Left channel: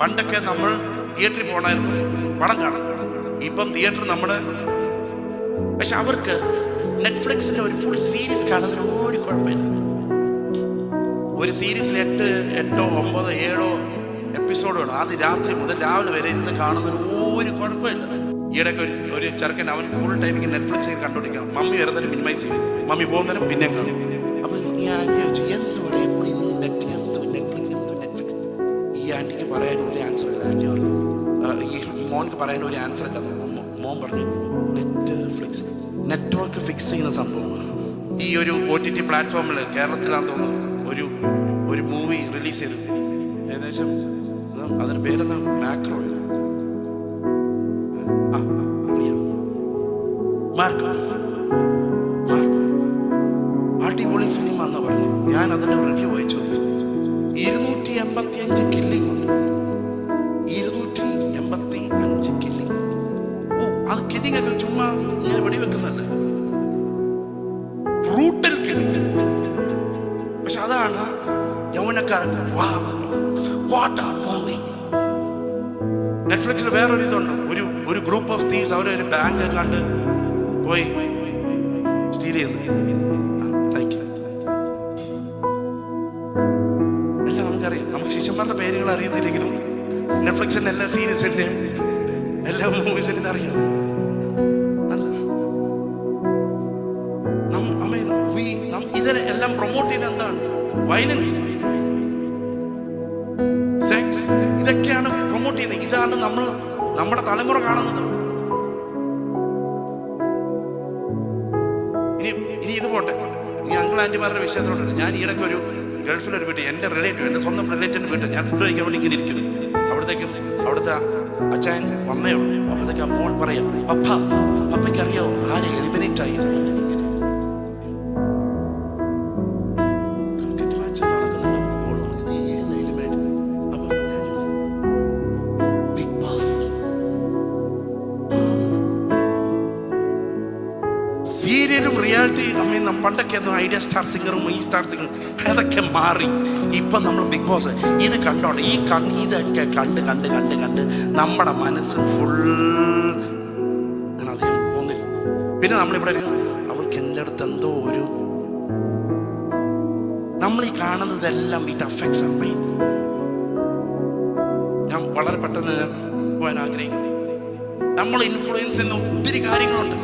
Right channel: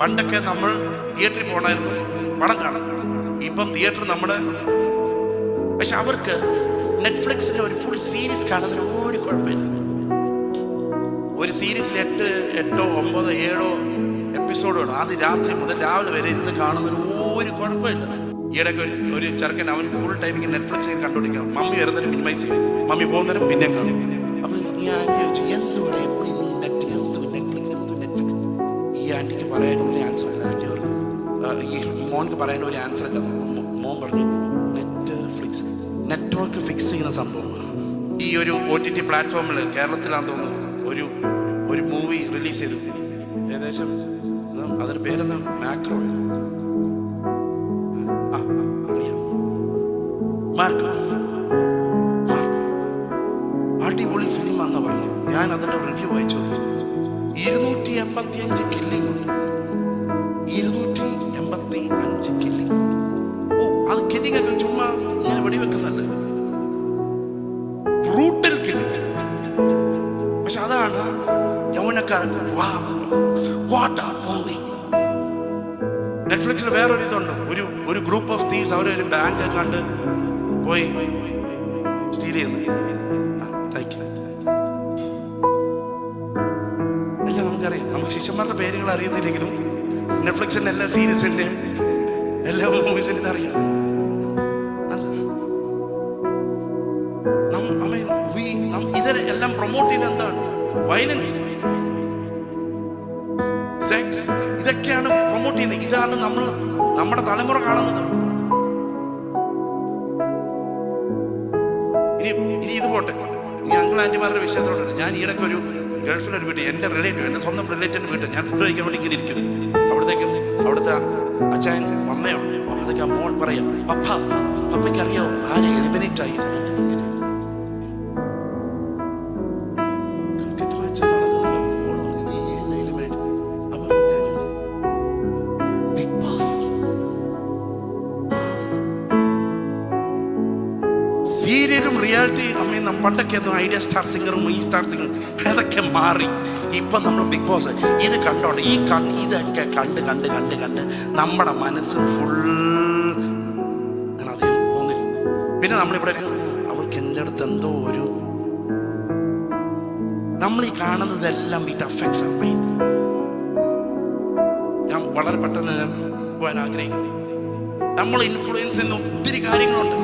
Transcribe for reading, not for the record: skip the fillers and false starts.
പണ്ടൊക്കെ നമ്മൾ തിയേറ്ററിൽ പോകണമായിരുന്നു പടം കാണാൻ. ഇപ്പം തിയേറ്റർ നമ്മുടെ, പക്ഷെ അവർക്ക് നെറ്റ്ഫ്ലിക്സിന്റെ ഒരു ഫുൾ സീരീസ് കാണുന്നതിന് ഒരു കുഴപ്പമില്ല. ഒരു സീരീസിൽ 8, 9, 7 എപ്പിസോഡുകൾ അത് രാത്രി മുതൽ രാവിലെ വരെ ഇരുന്ന് കാണുന്നതിന് ഒരു കുഴപ്പമില്ല. ഈയിടയ്ക്ക് ഒരു ചെറുക്കൻ അവൻ ഫുൾ ടൈം ഇങ്ങനെ നെറ്റ്ഫ്ലിക്സിൽ കണ്ടുപിടിക്കണം. മമ്മി വരുന്നതിനും മിനിമൈസ് ചെയ്യും, മമ്മി പോകുന്നതിനും പിന്നെയും കാണും. അപ്പൊ ഈ ആൻറ്റി ചോദിച്ചു, എന്തുവിടെ എപ്പോഴും നെറ്റ്ഫ്ലിക്സ് എന്ത് നെറ്റ്ഫ്ലിക്സ്? ഈ ആൻറ്റിക്ക് പറയാൻ ഒരു ആൻസർ ഇല്ല. ആൻറ്റി പറഞ്ഞു, ഈ മോൻക്ക് പറയാൻ ഒരു ആൻസർ ഇല്ല. മോൻ പറഞ്ഞു, നെറ്റ്ഫ്ലിക്സ് നെറ്റ്വർക്ക് ഫിക്സ് ചെയ്യുന്ന സംഭവമാണ്. ഈ ഒരു OTT പ്ലാറ്റ്ഫോമിൽ കേരളത്തിലാണെന്ന് തോന്നുന്നു ഒരു മൂവി റിലീസ് ചെയ്തു. ഏകദേശം അതിന് പേരെന്താ, മാക്രോ അറിയാം, മാർക്കോ. അടിപൊളി ഫിലിം ആണെന്ന് പറഞ്ഞു. ഞാൻ അതിന്റെ റിവ്യൂ വായിച്ചു. 285 കില്ലിംഗ് ഉണ്ട്. 285 കില്ലിംഗ്. ഓ, അത് കില്ലിംഗ് ഒക്കെ ചുമ്മാ ഇങ്ങനെ വെടിവെക്കുന്നല്ല, ബ്രൂട്ടൽ കില്ലിംഗ്. പക്ഷെ അതാണ് യൗവനക്കാർക്ക് നെറ്റ്ഫ്ലിക്സിൽ വേറൊരു ഇതുണ്ട്. ഒരു ഗ്രൂപ്പ് ഓഫ് തീവ്സ് അവരെ ഒരു ബാങ്ക് കണ്ട് പോയി സ്റ്റീൽ ചെയ്യുന്നത്. എല്ലാം നമുക്കറിയാം. നമുക്ക് ശിഷ്യന്മാരുടെ പേരുകൾ അറിയത്തില്ലെങ്കിലും നെറ്റ്ഫ്ലിക്സിന്റെ എല്ലാ സീരീസിന്റെയും എല്ലാ മൂവീസിനും ഇതറിയാം. ഇതെല്ലാം പ്രൊമോട്ട് ചെയ്യുന്നത് എന്താണ്? വയലൻസ്, സെക്സ്, ഇതൊക്കെയാണ് പ്രൊമോട്ട് ചെയ്യുന്നത്. ഇതാണ് നമ്മുടെ തലമുറ കാണുന്നത്. ഇനി ഇത് പോട്ടെ, ഈ അങ്കിൾ ആന്റിമാരുടെ വിഷയത്തിലോട്ട്. ഞാൻ ഈയിടയ്ക്ക് ഒരു ഗൾഫിലൊരു വീട്ടിൽ, എൻ്റെ സ്വന്തം റിലേറ്റീവിൻ്റെ വീട്ടിൽ ഞാൻ ഫുഡ് കഴിക്കാൻ വേണ്ടി ഇങ്ങനെ ഇരിക്കുന്നു. അവിടുത്തെ അച്ചായൻ വന്നേ ഉള്ളൂ. അവിടത്തേക്ക് ആ മോൾ പറയാം, പപ്പയ്ക്ക് അറിയാവോ ആരെ എലിമിനേറ്റ് ആയി? സീരിയലും റിയാലിറ്റി പണ്ടൊക്കെ ഒന്നും ഐഡിയ സ്റ്റാർ സിംഗറും ഈ സ്റ്റാർ സിംഗറും അതൊക്കെ മാറി. ഇപ്പം നമ്മൾ ബിഗ് ബോസ് ഇത് കണ്ടോണ്ട് ഇതൊക്കെ കണ്ട് നമ്മുടെ മനസ്സ് ഫുൾ ഞാൻ അധികം പോകുന്നില്ല. പിന്നെ നമ്മളിവിടെ അവൾക്ക് എൻ്റെ അടുത്ത് എന്തോ ഒരു, നമ്മൾ ഈ കാണുന്നതെല്ലാം ഇറ്റ് അഫക്ട്സ് അവർ മൈൻഡ്. ഞാൻ വളരെ പെട്ടെന്ന് പോകാൻ ആഗ്രഹിക്കുന്നു. നമ്മൾ ഇൻഫ്ലുവൻസ് ചെയ്യുന്ന ഒത്തിരി കാര്യങ്ങളുണ്ട്.